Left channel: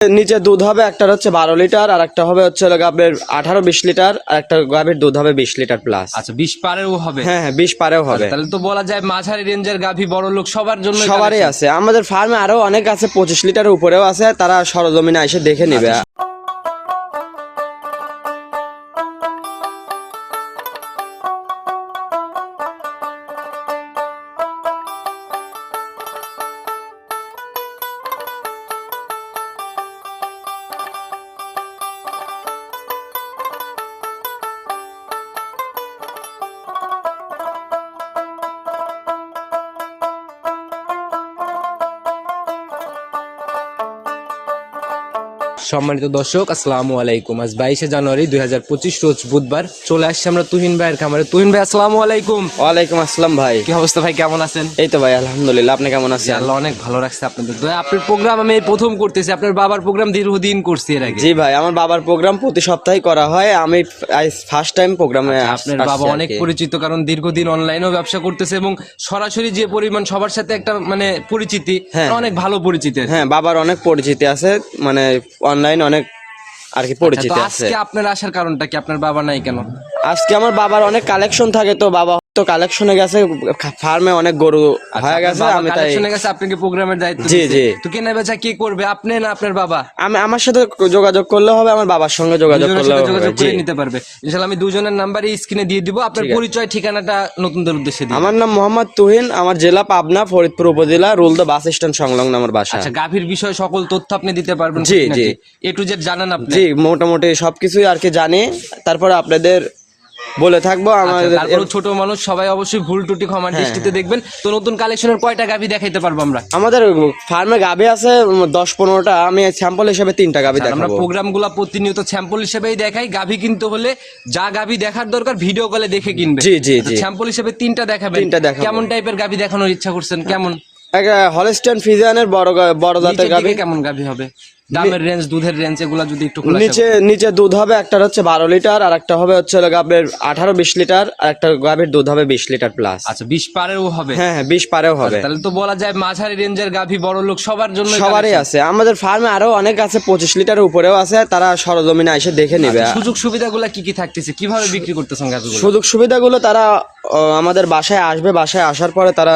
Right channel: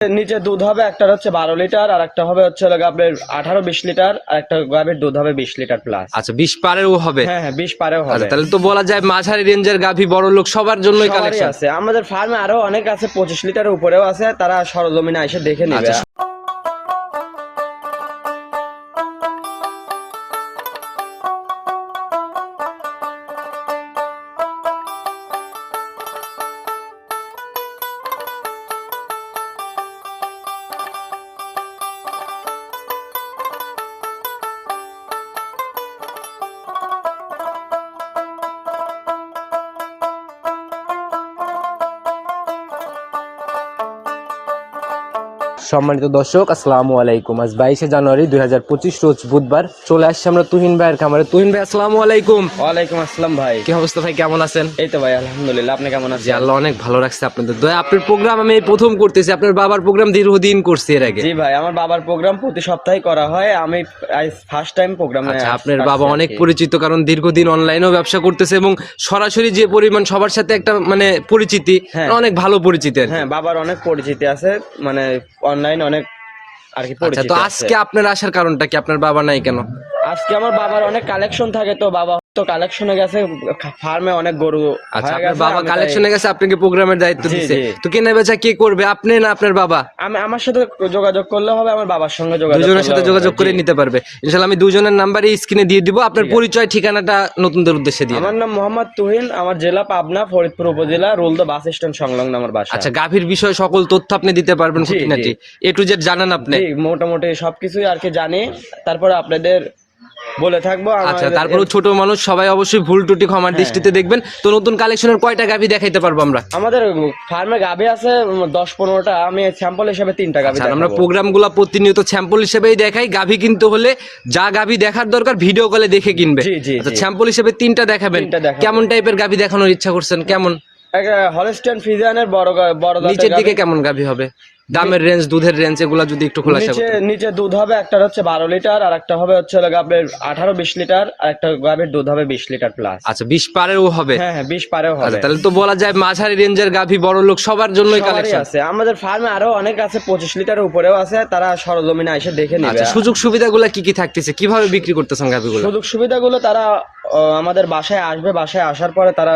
নিচে দুধ হবে একটা হচ্ছে বারো লিটার আর একটা হবে হচ্ছে গাবের আঠারো বিশ লিটার আর একটা গাভীর দুধ হবে বিশ লিটার প্লাস আচ্ছা বিশ পারেও হবে? হ্যাঁ হ্যাঁ বিশ পারেও হবে। তাহলে তো বলা যায় মাঝারি রেঞ্জের গাভী বড় লোক সবার জন্য সবারই আছে। আমাদের ফার্মে আরও অনেক আছে পঁচিশ লিটার উপরেও আছে তারা সরজমিনে এসে দেখে নিবে। সম্মানিত দর্শক আসসালামু আলাইকুম। আজ বাইশে জানুয়ারি দুই হাজার পঁচিশ রোজ বুধবার চলে আসছে আমরা তুহিন ভাইয়ের খামারে। তুহিন ভাই আসসালামু আলাইকুম। ওয়ালাইকুম আসসালাম ভাই। কি অবস্থা ভাই কেমন আছেন? এই তো ভাই আলহামদুলিল্লাহ আপনি কেমন আছেন? আল্লাহ অনেক ভালো রাখছে আপনাদের দয়া। আপনার প্রোগ্রাম আমি এই প্রথম করতেছি আপনার বাবার প্রোগ্রাম দীর্ঘদিন করছি এর আগে। জি ভাই আমার বাবার প্রোগ্রাম প্রতি সপ্তাহে করা হয়। আমি ফার্স্ট টাইম প্রোগ্রামে আপনার বাবা অনেক পরিচিত কারণ দীর্ঘদিন অনলাইনেও ব্যবসা করতেছে এবং সরাসরি যে পরিমাণ সবার সাথে একটা মানে পরিচিতি অনেক ভালো পরিচিতি হ্যাঁ বাবার অনেক পরিচিতি আছে মানে অনলাইন অনেক আর কি পরিচিত তো আছে। আজকে আপনার আসার কারণটা কি? আপনার বাবা নাই কেন? আজকে আমার বাবার অনেক কালেকশন থাকে তো বাবা তো কালেকশনে গেছে ফার্মে অনেক গরু আচ্ছা, হয়ে গেছে বাবা কালেকশনে গেছে আপনাকে প্রোগ্রামের দায়িত্ব জি। তো কেনা বেচা কে করবে আপনি না আপনার বাবা? আমি আমার সাথে যোগাযোগ করলে হবে আমার বাবার সঙ্গে যোগাযোগ দুজনের সাথে করলে যোগাযোগ করে নিতে পারবে। ইনশাআল্লাহ আমি দুজনের নাম্বারই স্ক্রিনে দিয়ে দিব আপনার পরিচয় ঠিকানাটা নতুন নতুনদের উদ্দেশ্যে দিই আমার নাম মোহাম্মদ তুহিন আমার জেলা পাবনা ফরিদপুর উপজেলা রুলদা বাস স্ট্যান্ড সংলগ্ন আমার বাসা। আচ্ছা গাভীর বিষয়ে সকল তথ্য আপনি দিতে পারবেন জি, জি। এ টু জেড জানান আপনি। জি মোটামুটি সবকিছুই আর কি জানি তারপরে আপনাদের বলে থাকব আচ্ছা আমাদের তারপরে ছোট মানুষ সবাই অবশ্যই ভুল টুটি ক্ষমার দৃষ্টিতে দেখবেন। তো নতুন কালেকশনের কয়টা গাভী দেখাইতে পারব আমরা? আমাদের ফার্মে গাভি আছে দশ পনেরোটা। আমি স্যাম্পল হিসেবে তিনটা গাভি আর আমরা দেখাবো প্রোগ্রামগুলো প্রতিনিয়ত স্যাম্পল হিসেবেই দেখাই। গাভী কিনতে হলে যা গাভী দেখার দরকার ভিডিও কলে দেখে কিনবে। জি, জি। স্যাম্পল হিসেবে তিনটা দেখাবেন। কেমন টাইপের গাভী দেখানোর ইচ্ছা করছেন? কেমন? হলস্টেন ফিজিয়ানের বড় বড় জাতের গাভি। কেমন গাভী হবে? দামের রেঞ্জ দুধের রেঞ্জ এগুলা যদি একটু খোলা নিচে নিচে দুধ হবে একটা হচ্ছে বারো লিটার আর একটা হবে হচ্ছে আপনার আঠারো বিশ লিটার আর একটা গাভীর দুধ হবে বিশ লিটার প্লাস আচ্ছা বিশ পারেও হবে? হ্যাঁ হ্যাঁ বিশ পারেও হবে। তাহলে তো বলা যায় মাঝারি রেঞ্জের গাভী বড় লোক সবার জন্য সবারই আছে। আমাদের ফার্মে আরও অনেক আছে পঁচিশ লিটারের উপরেও আছে তারা সরজমিনে এসে দেখে নেবে। সুযোগ সুবিধাগুলো কি কি থাকতেছে? কীভাবে বিক্রি করতেছেন গাভীগুলো? সুযোগ সুবিধাগুলো তারা আমাদের বাসায় আসবে। বাসায় আসার পরে তারা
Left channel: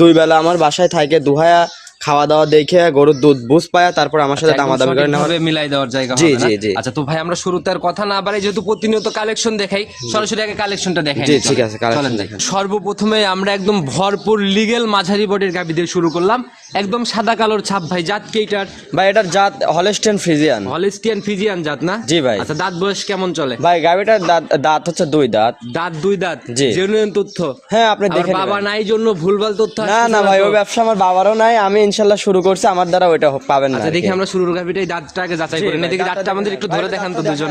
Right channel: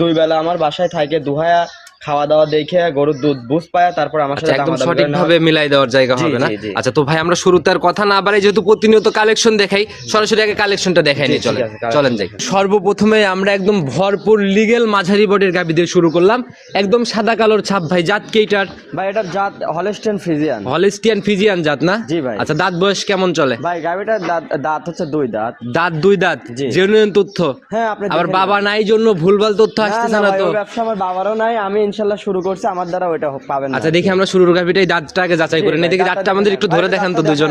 দুই বেলা আমার বাসায় থাকে দুহায়া খাওয়া দাওয়া দেখে গরুর দুধ বুঝ পায় তারপর আমার সাথে একদম দামাদামি করে নেওয়া মিলাই দেওয়ার জায়গা হবে না। আচ্ছা তো ভাই আমরা শুরুতে আর কথা না বাড়াই যেহেতু প্রতিনিয়ত কালেকশন দেখাই সরাসরি আগে কালেকশনটা দেখাই ঠিক আছে, চলেন যাই দেখান। সর্বপ্রথমে আমরা একদম ভরপুর লিগেল মাঝারি বডির গাবি দিয়ে শুরু করলাম। একদম সাদা কালোর ছাপ ভাই জাত কেইটার ভাই এটার জাত হলেস্টেন ফ্রিজিয়ান হলিস্টিয়ান ফিজিয়ান জাত না? জি ভাই। আচ্ছা দাঁত বয়স কেমন চলে? ভাই গাভিটার দাঁত দাঁত হচ্ছে দুই দাঁত। দাঁত দুই দাঁত? জি। জেনুইন তথ্য? হ্যাঁ আপনি আবার দেখে বাবা নাই জন্য ভুলভাল তথ্য না আসছে না ভাই ওই ব্যবসা আমার বাবারও নাই আমি ইনশাল্লাহ শুরু করছি আমার দ্বারা ওইটা পাবেন আচ্ছা দেখি আমরা শুরুর গাভিটাই দাঁতটা আগে যাচাই করে নিই। দেখি দাঁতটা আমাদের একটু ধরে দেখান তো দুজন।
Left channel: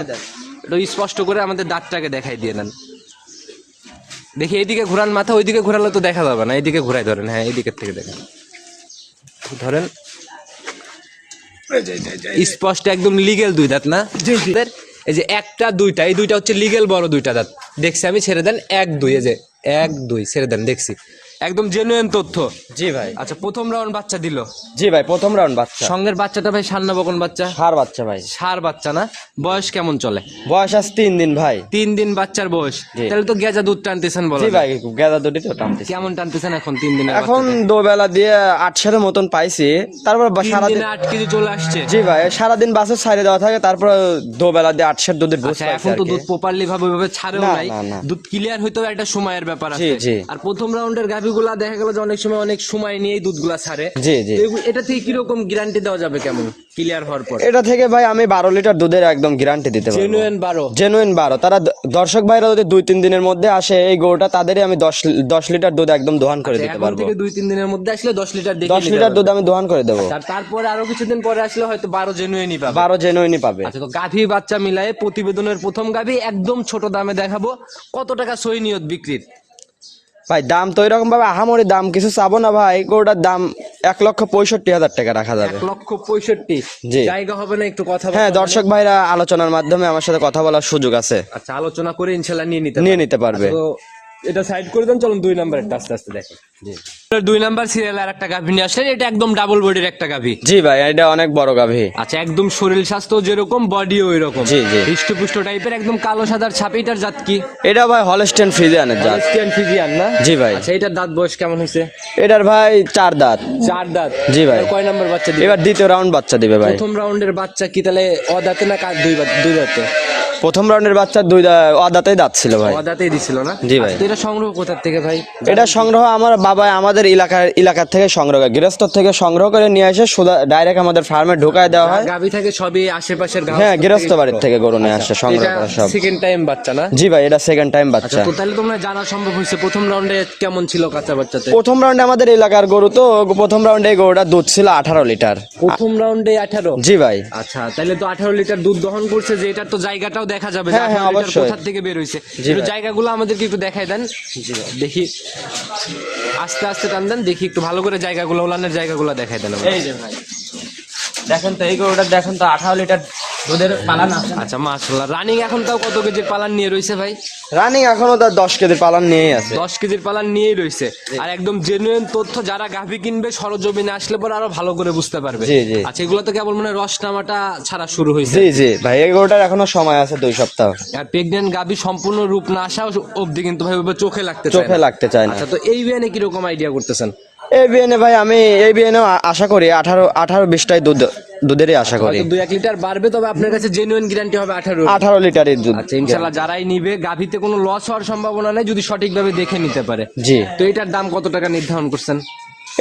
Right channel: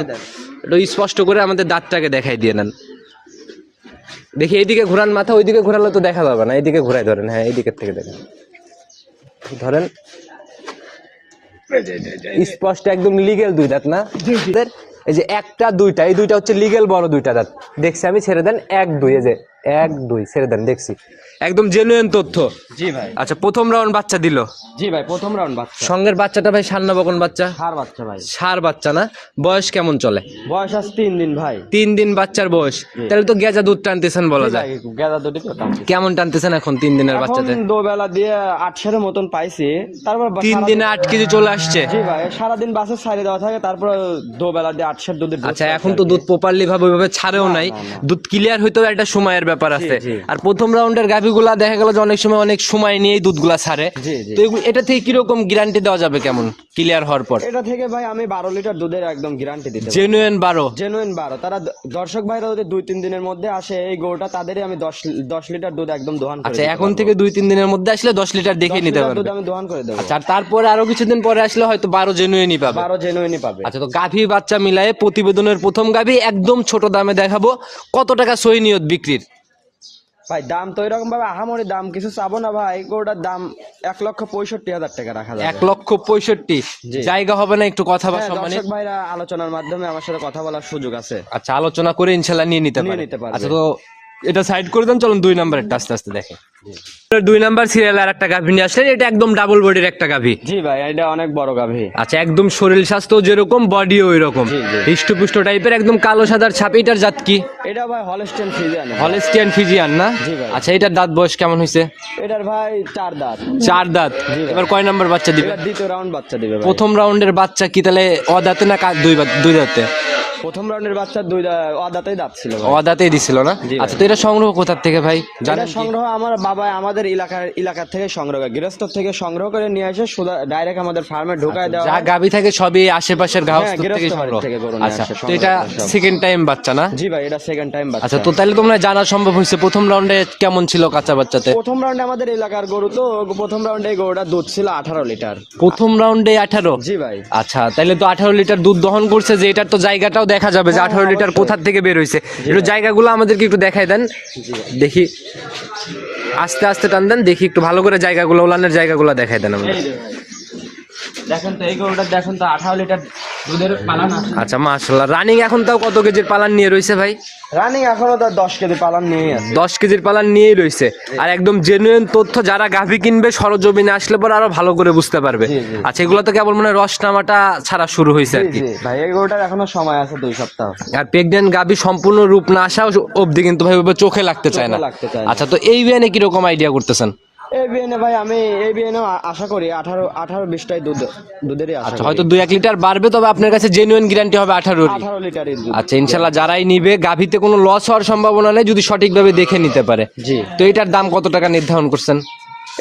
একটু স্পষ্ট করে আমাদের দাঁতটাকে দেখাই দিয়ে নেন। দেখি এইদিকে ঘোরান মাথা ওইদিকে ঘোরালে তো দেখা যাবে না। এইদিকে ঘোরাই ধরেন হ্যাঁ এইদিকের থেকে দেখেন। ধরেন। স্পষ্ট একদম লিগেল দুই দাঁত না? এই যে একটা দুইটা এই দুইটা হচ্ছে লিগেল বড় দুইটা দাঁত। দেখছি আমি ছেড়ে দেন এক দুই এই যে এক দুই ছেড়ে দেন দেখছি। একদম জেনুইন তথ্য। জি ভাই। আচ্ছা প্রথম রাউন্ড বাচ্চা দিল। জি ভাই প্রথম রাউন্ড বাচ্চা। সঙ্গের বাচ্চাটা ভাই সান্না বকন বাচ্চা? সার বাচ্চা ভাই। সার বাচ্চা না? বয়স কেমন চলে? বয়স আজ তিন দিন ভাই। তিন দিন বাচ্চার বয়স। তাহলে তো গেজা দুধ টানতেছেন বলা যায়। গেদা দুটি তো টানতেছি। কেমন টানতেছেন এখন তিন দিনের এখন বাচ্চাতে দুবেলা দিয়ে আটশোর মতন পাইছি। তারপর তিন দিনে আট কেজি চলে আসছে। জি ভাই সারাদিন বাসে ছাড়ে দেওয়া থাকে তারপর দুবেলা দিয়ে আটশের দুধের আচ্ছা এখন তো দুধ প্রপারলি ভাবে ওইভাবে ছাড়েও নাই। না, না। দুধ ক্লিয়ার হইতেও একটা সময়ের ব্যাপার আছে। আর প্রথম রাউন্ডের গাভিগুলা দেখা গেল যে অনেক সময় অনেক সময় নিয়েই দুধগুলা ছাড়ে। জি জি। তো এটা থেকে কীরকম গ্যারান্টি দেওয়া যাবে কেমন? ক্লিয়ার হওয়ার পর। এটা থেকে ভাই আমি বারো লিটার দুধের একদম গ্যারান্টি দিতে পারব। জেনুইন বারো? জেনুইন বারো। তারা দ- দর্শক ভাইরা যদি দুই তিন দিনের মধ্যে আসে এই গরুটা তাদেরই আমি দশ দশ লিটার দুধ একদম দোহান করে আচ্ছা দিতে এখন পারব। থেকে দুই তিন দিনের মধ্যে আসলে দশ লিটার দেখে দশ নিতে লিটার পারবে। দুধ আমি দোহান করে দেবো। আর তারপরে আরও কিছুদিন পরে আসলে হয়তো বারো জেনুইনই পাবে। বারো জেনুইনই পাবে। আচ্ছা তো গাভী বাচ্চা মিলায়ে প্রতিবেদনের প্রথম গাভী একদম ছোট দামে দেখাবো। কত টাকা সই নিয়ত বিক্রির? ভাই দাম তো এরকম ভাবে আহামরি দাম কিছু চাবো না ভাই গরুটার দাম এক লক্ষ পঁয়ষট্টি হাজার টাকা রাখা যায় এক লক্ষ পঁয়ষট্টি। জায়গা হবে না একটু কথা হ্যাঁ দর্শক ভাইরা আলোচনার মাধ্যমে আমার সাথে কথা বলার সুযোগ আছে। আচ্ছা আলোচনা করে ইনশাল্লাহ নিয়ে নিতে নিয়ে নিতে পারবে। আচ্ছা, তো এটা সাইড করে দেন চলুন দুই নাম্বার একটা আস্তে আস্তে দেখে দুই নাম্বার সিরিয়াল আর একটা গাভী নিয়ে আসলেন এটা একদম ডাবল বডির একটা গাভী। জি ভাই এটা অনেক বড় গাভী। আচ্ছা একদম শরীর স্বাস্থ্য যেরকম বডিও ওই রকম। হৃষ্টপুষ্ট টাইপের একদম কালো সাদার ছাপ এটার জাত কি? এটা ভাই হলস্টেন ফ্রিজিয়ানের জাত। হলেস্টিয়ান ফিজিয়ান না? জি ভাই। আচ্ছা এটার দাঁত বয়স কেমন হয়েছে? এটার ভাই চার দাঁত। চার দাঁত। জি ভাই। এবার কয় নাম্বার বাচ্চা দিবে? এবার দ্বিতীয় রাউন্ড বাচ্চা দিবে ভাই। প্রথম রাউন্ডের বাচ্চা কি তাহলে অদাতে না দুই দুই দাঁতে? প্রথম রাউন্ডের বাচ্চা দুই ও দাঁত ছিল ভাই। অদাতেই দিছিল না? জি ভাই। আচ্ছা তো এটা সংগ্রহ কোথার থেকে ভাই? এটা সংগ্রহ আমার বাবা আমাদের এলাকার এলাকার থেকে সংগ্রহ করে গৃহস্থ থেকে সংগ্রহ করে নিয়ে এসে সুদা ডাইরেক্ট আমাদের ফার্মে ঢুকায় দেওয়া হয়। গাভী থাকে সবই আশেপাশের গাছ হ্যাঁ, গৃহস্থ বাড়ির থেকে গরু নিয়ে আসে, সংগ্রহ এটা সেকেন্ড টাইম বাচ্চা না? জি ভাই এটা সেকেন্ড টাইম আচ্ছা বাচ্চা তো তাহলে তোমরা জানা সম্ভব হয়েছে প্রথম রাউন্ডে কেমন ছিল কাঁচা বাচ্চাতে? প্রথম রাউন্ডে আমাদের এলাকার গরু তো প্রথম রাউন্ডে গরুটা দুধ ছিল আঠারো লিটার। প্রথম রাউন্ডে আঠারো? জি ভাই। আচ্ছা তাহলে তো আঠারো লিটার দুধ দহন করছে যে এটার তো জায়গাটাও দেখা যাবে যে হ্যাঁ, আঠারো হ্যাঁ, লিটার কোথার থেকে বের হয়েছে একটু জায়গাগুলো আমাদেরকে একটু দেখাই দেন। দেখি। আস্তে আস্তে টান দেন দেখি একটু ভালো করে জায়গাগুলো ওলানের জায়গাগুলো দেখাই দেন আমাদের। দেখেন তো এই গরুটা দেখেন তো আঠারো লিটার আছে আচ্ছা মাশাল্লাহ রানিং এখন তাও কত কেজির পালান নিয়ে রয়েছে ভাই? রানিং এখনও তার দশ কেজি পালান নিয়েই আছে। দশ কেজির পালান নিয়েই রয়েছে আর একদম জেনুইন তথ্য যারা গাভী কিনবে সরজমিনে আসলে পরে আরও ভালো করে বুঝতে পারবে। জি, জি। আচ্ছা এগুলো তো কেবল মানে রস নামাটা ছাড়া শুরু হয়েছে জি জি। ভাই এই গরুটার এখনও সময় আছে দুই সপ্তাহ। আর প্রেগনেন্ট গাভী সম্পূর্ণ রূপ না আসা অবধি কিন্তু ভাই চোখে লাগতে চায় না। লাগতে চায় আচ্ছা তো এই বিয়ানে কীরকম আইডিয়া করতেছেন? এই বিএনএ ভাই আমি এই বিএনএ আশা করি আঠারো আঠারো বিশটাই দুধ দুধেরই আশা করি। হয়তো দুই এক লিটার বাড়বে তবে আপনার কাছে জেনুইন গ্যারান্টি হবে আঠারো আঠারো লিটারের দুধ। আচ্ছা ইনশাল্লাহ যারাই নিবে গাভীতে কোনো লস হওয়ার সম্ভাবনা নেই যদি সঠিকভাবে দেখে নিতে পারে। জি। তো এটার দাম কত টাকা নির্ধারণ করছেন?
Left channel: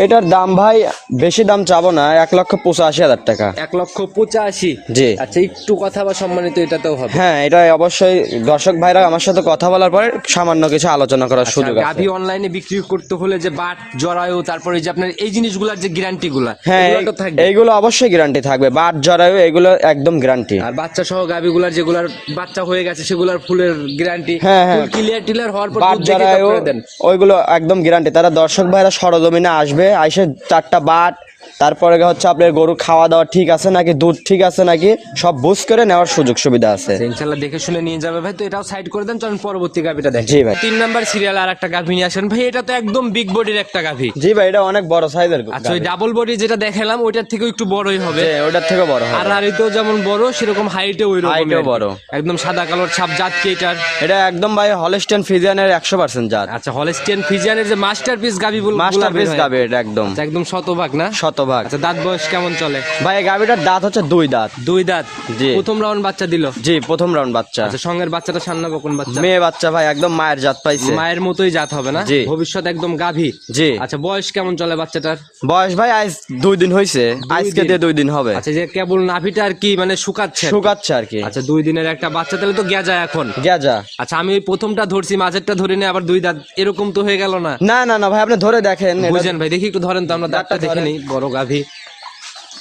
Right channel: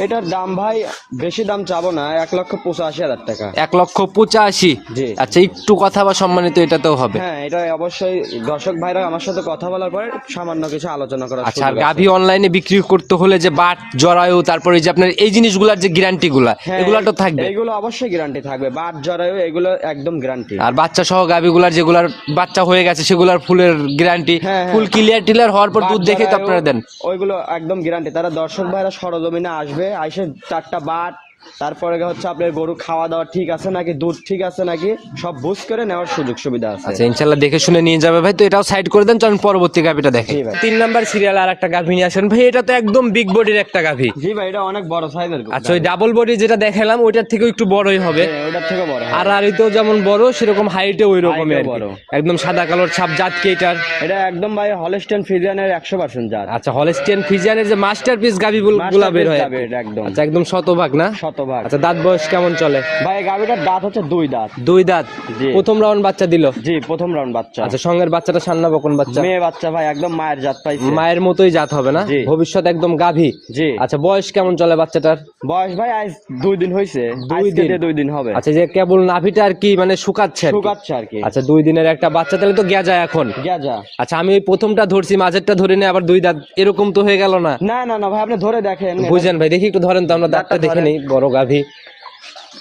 এটার দাম ভাই বেশি দাম চাবো না এক লক্ষ পঁচাশি হাজার টাকা। এক লক্ষ পঁচাশি? জি। আচ্ছা একটু কথা বা সম্মানিত এটাতেও হবে। হ্যাঁ এটা অবশ্যই দর্শক ভাইরা আমার সাথে কথা বলার পরে সামান্য কিছু আলোচনা করার আচ্ছা সুযোগ গাভী অনলাইনে বিক্রি করতে হলে যে বাট জরায়ু তারপরে যে আপনার এই জিনিসগুলোর যে গ্যারান্টি গুলা এগুলো তো থাকবে। এইগুলো অবশ্যই গ্যারান্টি থাকবে। বাট জরায়ু এগুলো একদম গ্যারান্টি আর বাচ্চা সহ গাভীগুলার যেগুলার বাচ্চা হয়ে গেছে সেগুলার ফুলের গ্যারান্টি হ্যাঁ। ফুল ক্লিয়ার টিলার হওয়ার পর দুধ দেখে তারপরে দেন। ওইগুলো একদম গ্যারান্টি তারা দর্শক ভাইরা সরজমিনে আসবে আইসে চারটা বাট তারপরে হচ্ছে আপনার গরু খাওয়া দাওয়া ঠিক আছে নাকি দুধ ঠিক আছে নাকি সব বুঝ করে নেওয়ার সুযোগ সুবিধা আছে। আচ্ছা, ইনশাল্লাহ দেখে শুনে নিয়ে যাবে ভাই। তো এটাও সাইড করে দেন চলুন পরবর্তী গাভীটা দেখি জি ভাই। তিন নাম্বার সিরিয়াল আর একটা গাভী নিয়ে আসেন। ভাই এটা তো একদম বিগ বডির একটা গাভী। জি ভাই এটা অনেক বড় সাইজের আচ্ছা ওই ডাবল বডি যেটা দেখালাম ওইটার থেকেও একটু বড়ই হবে। ওটার থেকে বড় হয়। আর আরিতেও যেমন বড় সেরকম হাইটে ওই রকমই বড়। একদম সাদা কালোর ছাপ জাত কি এটার। এটা একদম ভাই হলস্টেন ফিজিয়ানের একশো পার্সেন্ট জাত। আচ্ছা হলস্টিয়ান ফিজিয়ানের যে মাস্টারপিস গাভী গুলা বের মাস্টারপিস হয় এটা একদম। আচ্ছা একদম শতভাগ না? শতভাগ। আচ্ছা দাঁত বয়স কেমন চলে? ভাই এই গাভিটার দাঁত হচ্ছে দুই দাঁত। দুই দাঁত? জি। প্রথম রাউন্ড বাচ্চা দিল? জি প্রথম রাউন্ড বাচ্চা। আচ্ছা সঙ্গের বাচ্চাটা সান্না বকন বাচ্চা? মেয়ে বাচ্চা ভাই একদম মায়ের জাত পাইছে। মায়ের মতোই জাত হবে না? জি। ভবিষ্যৎ একদম গাভী? জি। আচ্ছা বয়স কেমন চলে বাচ্চাটার? বয়স ভাই আজ দুই দিন হয়েছে আজকে দিয়ে দুই দিন হবে। আচ্ছা যে কেবল নাভিটা আর কি মানে শুকাচ্ছে শুকাচ্ছে আর কি। আচ্ছা দুই দিনের একটা বাচ্চা তাহলে তো গেজা এখন। গেজা আচ্ছা আমি ওই প্রথমটা ধরছি মাঝেরটা ধরে নিয়ে আবার দুই দাঁত এরকম তো হয়ে গেল না? না না না ভাই আপনি ধরে দেখেন। বুঝেন ভাই দেখি একটু ধরেন তো আমরা দাঁতটা দেখে। নেই বড় গাভী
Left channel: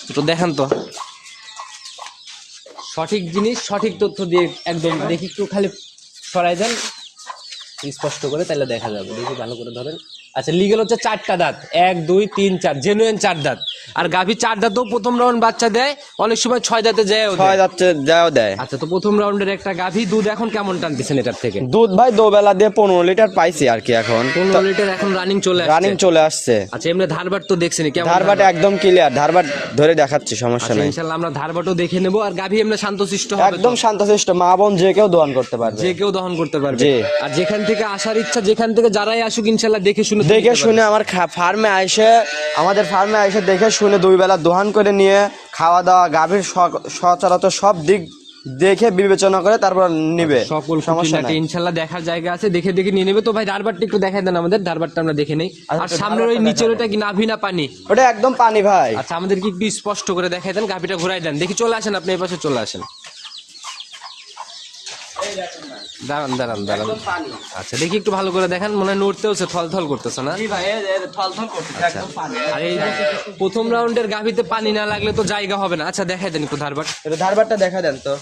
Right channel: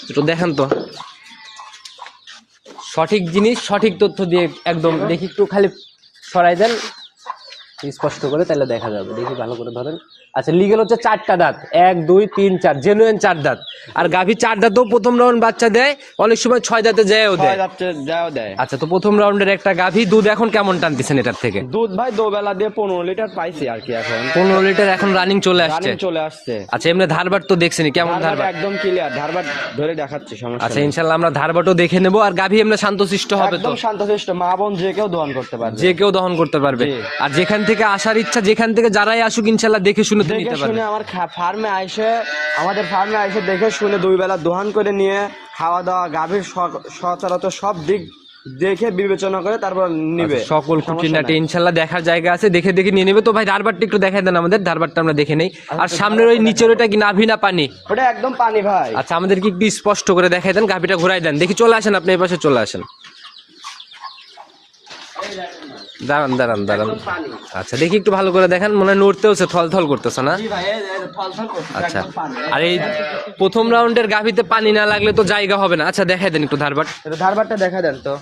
একটু দেখেন তো। সঠিক জিনিস সঠিক তথ্য দিয়ে একদম দেখি একটু খালি সরাই দেন। স্পষ্ট করে তাহলে দেখা যাবে। দেখি ভালো করে ধরেন। আচ্ছা লিগেল হচ্ছে চারটা দাঁত। এক দুই তিন চার জেনুইন চার দাঁত। আর গাভী চার দাঁতও প্রথম রাউন্ড বাচ্চা দেয় অনেক সময় ছয় দাঁতে যায়ও ছয় দেয়। যাও দেয়। আচ্ছা তো প্রথম রাউন্ডের একটা গাভী দুধ এখন কেমন টানতেছেন এটার থেকে? দুধ ভাই দোবেলা দিয়ে পনেরো লিটার পাইছি আর কি এখন। পনেরো লিটার এখন রানিং চলে রানিং চলে আসছে। আচ্ছা এমনি ধারবার তো দেখছেনি কেমন ধারবাট? একদম ক্লিয়ার ধারবাট ধরে দেখাচ্ছি সমস্যা আচ্ছা নেই। ইনশাল্লাহ আমরা ধারবাটও দেখে নেব আর গাভী এমনি শান্তশিষ্ট হবে তো? একদম শান্তশিষ্ট মা বোন যে কেউ দহন করতে পারবে। যে কেউ দহন করতে পারবে। আর যেখান থেকে আসার ইচ্ছা যেখান থেকে যারাই আসুক ইনশাল্লাহ দেখে শুনে দেখে শুনে আমার ফার্মে আইসে আমাদের ফার্মে আইসে দেখে শুনে দুই বেলা দোহান করে নিয়ে খাওয়া দাওয়া গাভীর সচরাচর সব দিক দেখে বিবেচনা করে তারপর নিবে। সকল খুঁটিনাটি। ইনশাল্লাহ দেখার জায়গা আছে দেখে দেখে নিয়ে নেবে। তো ভাই ধারবারটা একটু দেখাই দেন আমাদের ধারবারটা আমরা দেখে নেই। আর সামনের ওই নিচের ওটা কি নাভি না পানি? ওটা একদম পানি ভাই। আচ্ছা আমাদের কি একটু স্পষ্ট করে দেখাই দেন গাভিটা ঘুরাই দেন। দেখি চলে আসেন আপনি এই পাশে চলে আসেন। দাঁড়ান দাঁড়ান দাঁড়ান। আচ্ছা দেখি একটু ভালো করে দেখেন মনে হয় থল থল করতেছে না? আচ্ছা। আর এই প্রথম রাউন্ডের গাভিতে পানি না লাগলে তো জায়গা হবে না। আচ্ছা দেখাই দেন একটু ধারবার। এটা ধারবারটা দেখা দেন তো।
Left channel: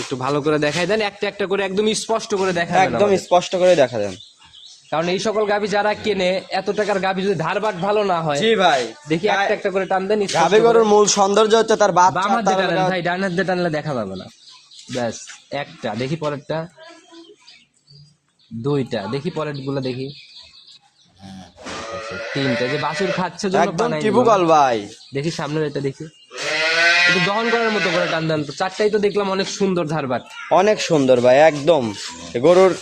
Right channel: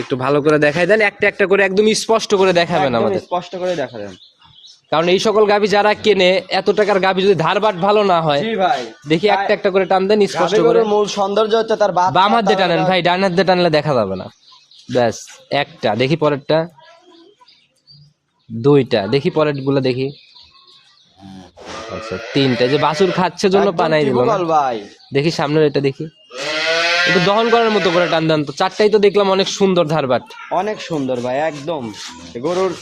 একটু ভালো করে দেখাই দেন একটা একটা করে একদম স্পষ্ট করে দেখাবেন একদম স্পষ্ট করে দেখা দেন। কারণ এই সকল গাভি যারা কেনে এত টাকার গাভি যদি ধারবাট ভালো না হয় জি ভাই। দেখি একটা একটা করে টান দেন স্পষ্ট করে। মূল সৌন্দর্য হচ্ছে তার বাম হাত দিয়ে টানেন ভাই ডান হাত দিয়ে টানলে দেখা যাবে না। ব্যাস একটা দেখি পরেরটা। দুইটা দেখি পরেরগুলো দেখি। আচ্ছা তিনটা যে বাসুর খাচ্ছে জন্য বানাই ভাই। দেখি সামনের এটা দেখি। একটু দহন করার মতো করে টান দেন তো। চারটাই তো দেখলাম অনেক সুন্দর ধারবাট অনেক সুন্দর ভাই একদম। গরুর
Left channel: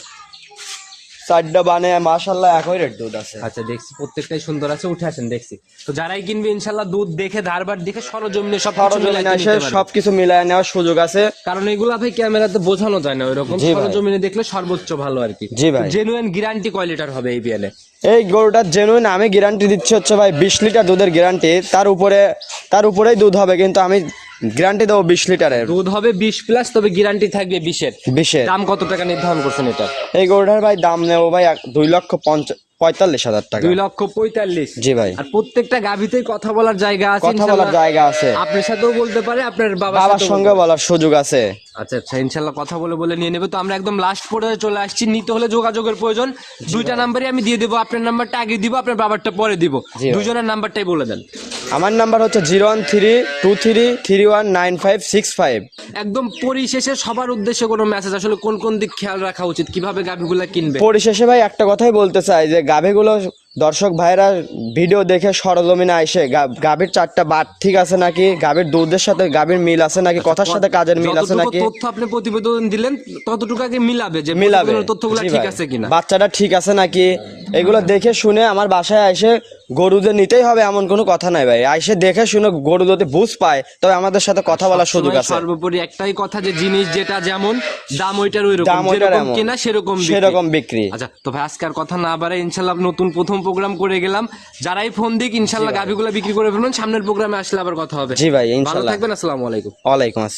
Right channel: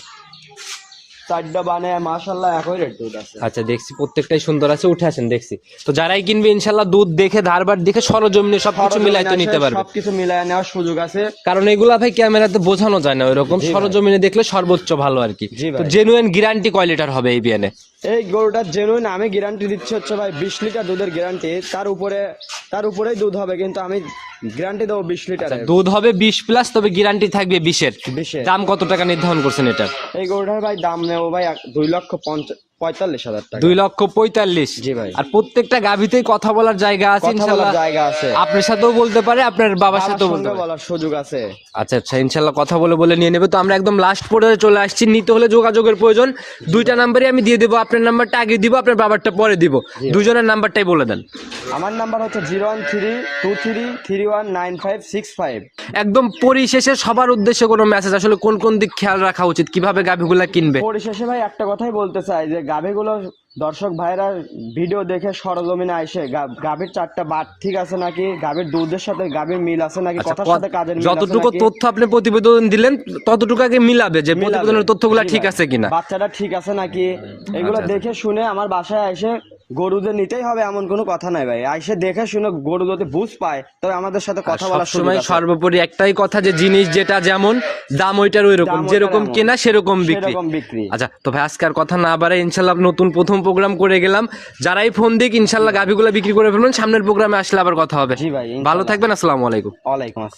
চারটা বানে মাশাল্লাহ একই রেট দুধ আছে। আচ্ছা দেখছি প্রত্যেকটাই সুন্দর আছে উঠে আসেন দেখছি। তো যারাই কিনবে ইনশাল্লাহ দুধ দেখে ধারবার দেখে সরজমিনে সব কিছু মিলাইতে নিতে পারবে। মিলায় নেওয়ার সুযোগ আছে। কারণ এগুলা ভাই ক্যামেরাতে বোঝানো যায় না ওইরকম সরজমিনে দেখলে সর্বোচ্চ ভালো আর কি। জেনুইন গ্যারান্টি কয় লিটার হবে এই বিয়ানে এই গরুটার জেনুইন আমি গ্যারান্টি দিচ্ছি হচ্ছে ভাই বিশ লিটার দুধের গ্যারান্টি তার উপরে তার উপরেই দুধ হবে কিন্তু আমি গ্যারান্টি দেবো বিশ লিটারের। দুধ হবে বিশ প্লাস তবে গ্যারান্টি থাকবে বিশের। বিশের। দাম কত টাকা নির্ধারণ করছেন এটার? এই গরুটার ভাই দাম নেব ভাই দুই লক্ষ পঞ্চ- পঁয়তাল্লিশ হাজার টাকা। দুই লক্ষ পঁয়তাল্লিশ। জি ভাই। আর প্রত্যেকটা গাভীতেই কথা বলার জায়গা আছে জায়গা আছে। আপনার সাথেও বলতে পারে আপনার বাবার সঙ্গে বলার সুযোগ আছে। আচ্ছা আচ্ছা ইনশাল্লাহ কথা বলে বলে নিয়ে নেবে। তো আমরা একদম লাস্ট পর্যায়ে চলে আসছি। নিতে হলে যোগাযোগের প্রয়োজন। দুইটা নাম্বারই আমি দিয়ে দেবো। আপনার নাম্বারটা আগে দিব আপনার বাবারটা পরে দিব। দুজনের নাম্বারটাই বলে দেন। আমার নাম্বার হচ্ছে zero one three two three three one nine five six five. একদম পরিশেষে সবার উদ্দেশ্যে কোনো মেসেজ আসলে কোন কোন দিক খেয়াল রাখা উচিত? কীভাবে গাভিগুলা কিনবে? পরিশেষে ভাই একটা কথাই বলতে চাই যে গাভীগুলো দর্শক ভাইরা ভিডিও দেখে সরজমিনে আইসে গাভীর চারটা বাট ঠিক আছে নাকি? গাভীর দুধের সাথে গাভীর মিল আছে নাকি? কথার সাথে কাজের মিল আছে আচ্ছা, যতটুকু নাকি? তথ্য আপনি প্রতিবেদন দিলেন ততটুকু আগে মিলাবে যে মিলাবে। তথ্যগুলো ঠিক আছে কিনা। বাচ্চাটা ঠিক আছে নাকি? এগুলো দেখে শুনে আমার বাসায় এসে গরুদের নিতেই হবে এমন কোনো কথা নাই ভাই। আইসে দেখে শুনে গরু যদি বুঝ পায় তবে আমাদের সাথে কথা সবসময় আছে। সর্বোপরি একটাই কথা যে জিনিস যেটা যেমন দাম ওইটার ওই রকম যেরকম। কেনা সেরকম বিক্রি। সেরকম বিক্রি। আচ্ছা তো ভাই আজকে আর কথা না বাড়াই ইনশাল্লাহ নতুন প্রথম প্রোগ্রাম করে গেলাম। যারাই ফোন দিক ইনশাল্লাহ গাভিগুলো বিক্রি করে ফেলবেন সামনের প্রোগ্রামে আসলে আবার কথা হবে। জি ভাই ভালো থাকবেন আসসালামু আলাইকুম। ওয়ালাইকুম আসসালাম।